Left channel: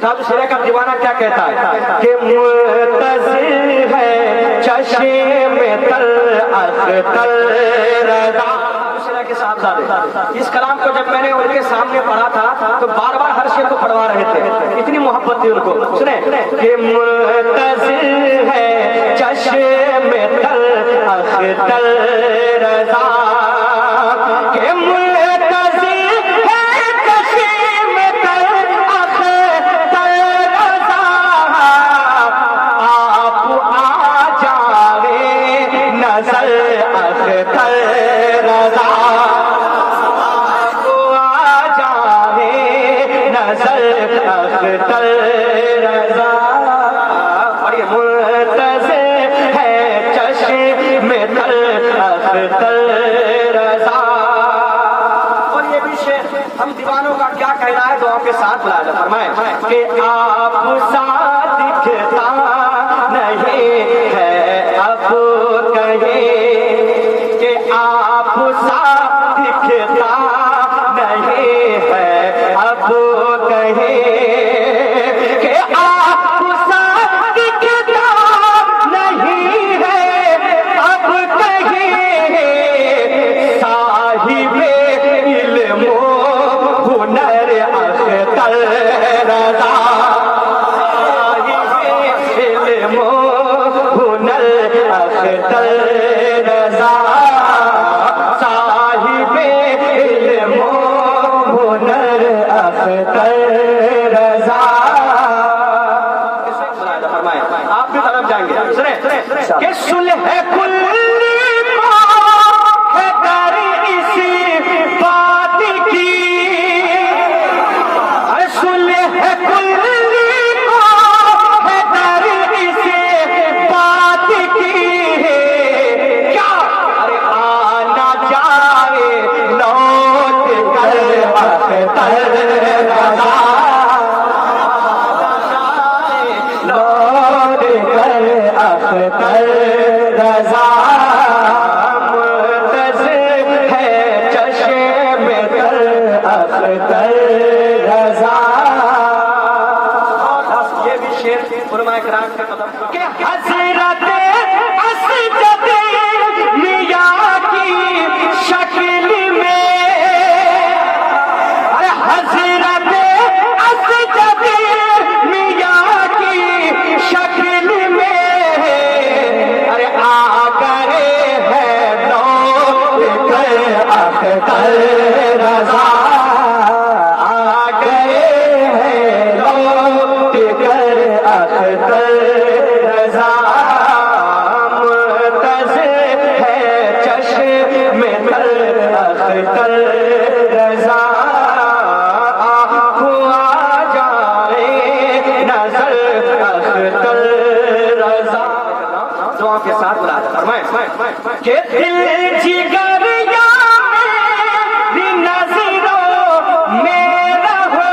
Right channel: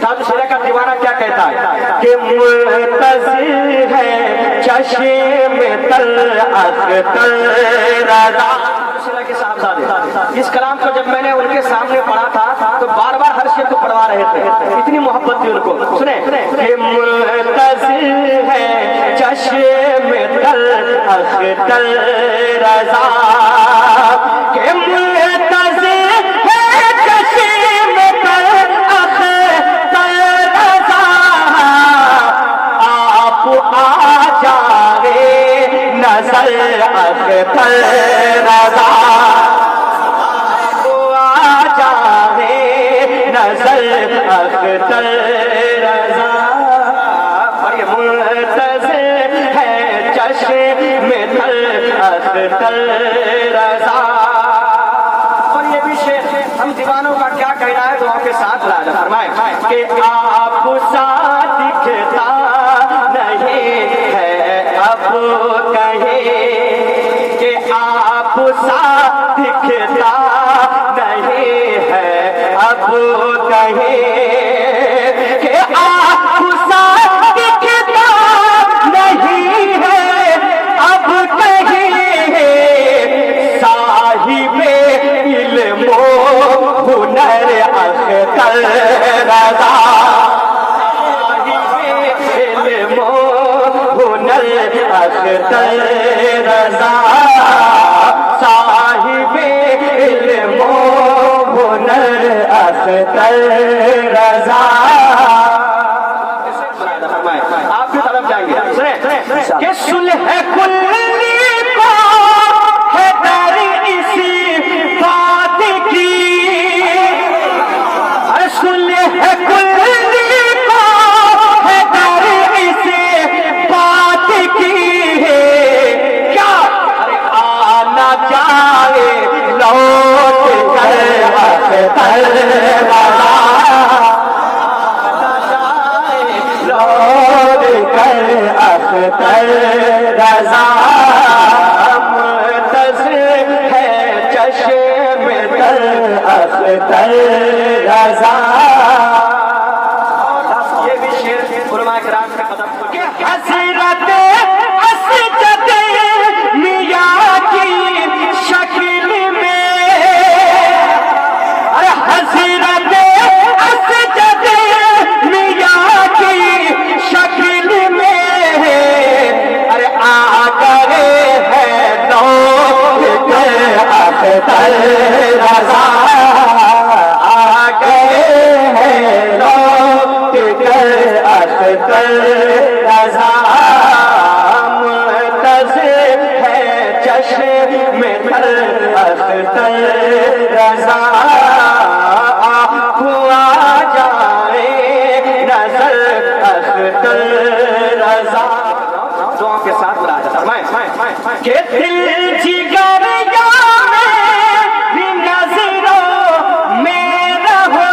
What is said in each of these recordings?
تاج شیرہ کا دیوانہ کیا کہتا ہے کہ منتظر ہے چشم تل اختر رضا کے صاحبزادے۔ اس کلام کو جب میں نے ان کے سامنے پڑھا تھا تو بار بار ہر شعر کو پڑھوا رہے تھے، اتنی محبت تھی ان کو۔ سنیں کہ منتظر ہے چشم تل اختر رضا، کہ منتظر ہے چشم تل اختر رضا، آپ آ جائے نظر اختر رضا، اختر رضا، اور یہ منتظر ہے چشم تل اختر رضا۔ اور یہ بھی شعر ہم دیوانوں کا کیا کہنا ہے، دعاؤں کے ساتھ ملاحظہ فرمائیں کہ آپ سا دکھتا نہیں ہے اب کہیں، کہ آپ سا دکھتا نہیں ہے اب کہیں، کہ آپ سا دکھتا نہیں ہے اب کہیں، صاحب علم و ہنر اختر رضا، صاحب علم و ہنر اختر رضا، صاحب علم و ہنر اختر رضا۔ آپ کی طرف جائیں گے، سنیں کہ صلح کلی کو ہے در اسی بات کی، صلح کلی کو ہے در اسی بات کی، کیا آنا جائے لوٹ کر اختر رضا، لوٹ کر اختر رضا، منتظر ہے چشم تل اختر رضا۔ یہ بھی شعر علماء کرام کا قدم کہ حضرت اسجد میاں کی شکل میں، حضرت اسجد میاں کی شکل میں، ارے آ گئے ہیں لوٹ کر اختر رضا، آ گئے ہیں لوٹ کر اختر رضا، منتظر ہے چشم تل اختر رضا، کے ساتھ ملاحظہ فرمائیں کہ دل جگر میری نظروں میں رہو،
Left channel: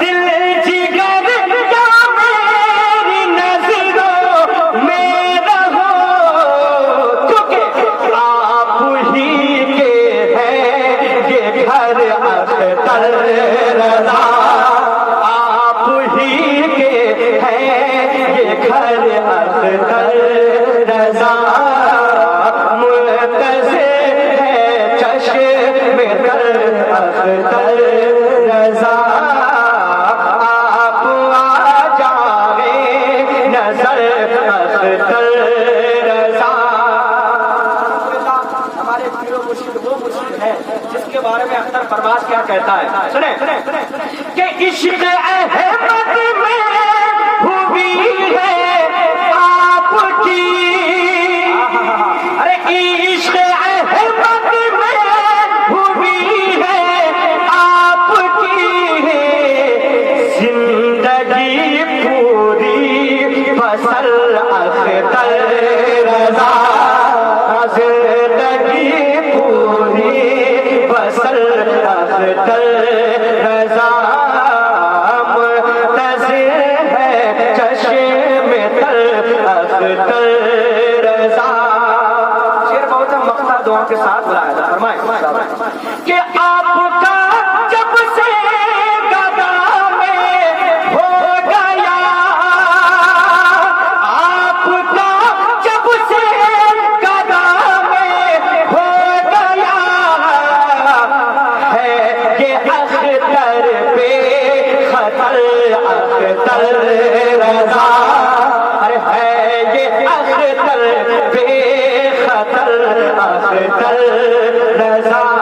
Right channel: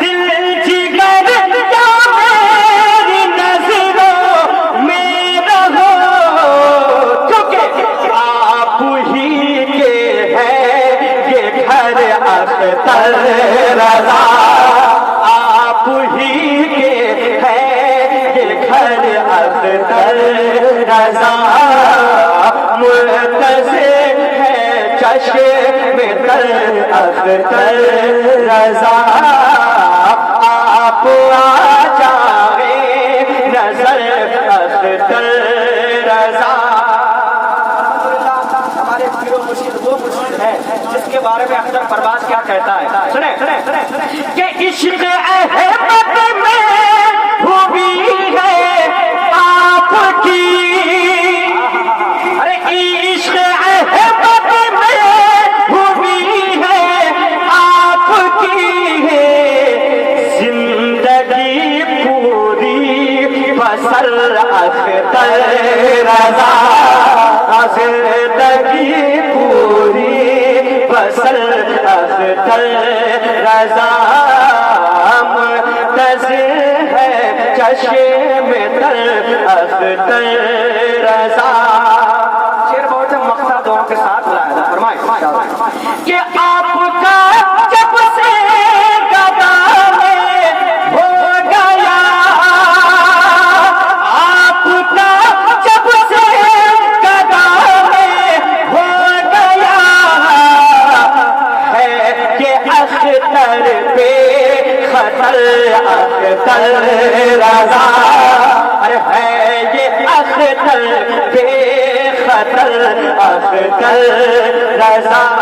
دل جگر میری نظروں میں رہو، کیونکہ آپ ہی کے ہیں یہ گھر اختر رضا، آپ ہی کے ہیں گھر اختر رضا، منتظر ہے چشم تل اختر رضا، آپ آ جائے نظر اختر رضا۔ ہمارے پیر و مرشد وہ مرشد ہے جس کے بارے میں اختر پرواز کیا کہتا ہے، سنیں کہ عشق احمد میں خوبی ہے آپ کی، ارے عشق احمد میں خوبی ہے آپ کی، زندگی پوری بسر اختر رضا، زندگی پوری بسر اختر رضا، منتظر ہے چشم تل اختر رضا۔ شعر بہت مقصد دعا کے ساتھ بلایا تھا، فرمائیں کہ آپ کا جب سے گدا اختر بے خطر اختر رضا، ارے ہے یہ اختر بے خطر اختر رضا.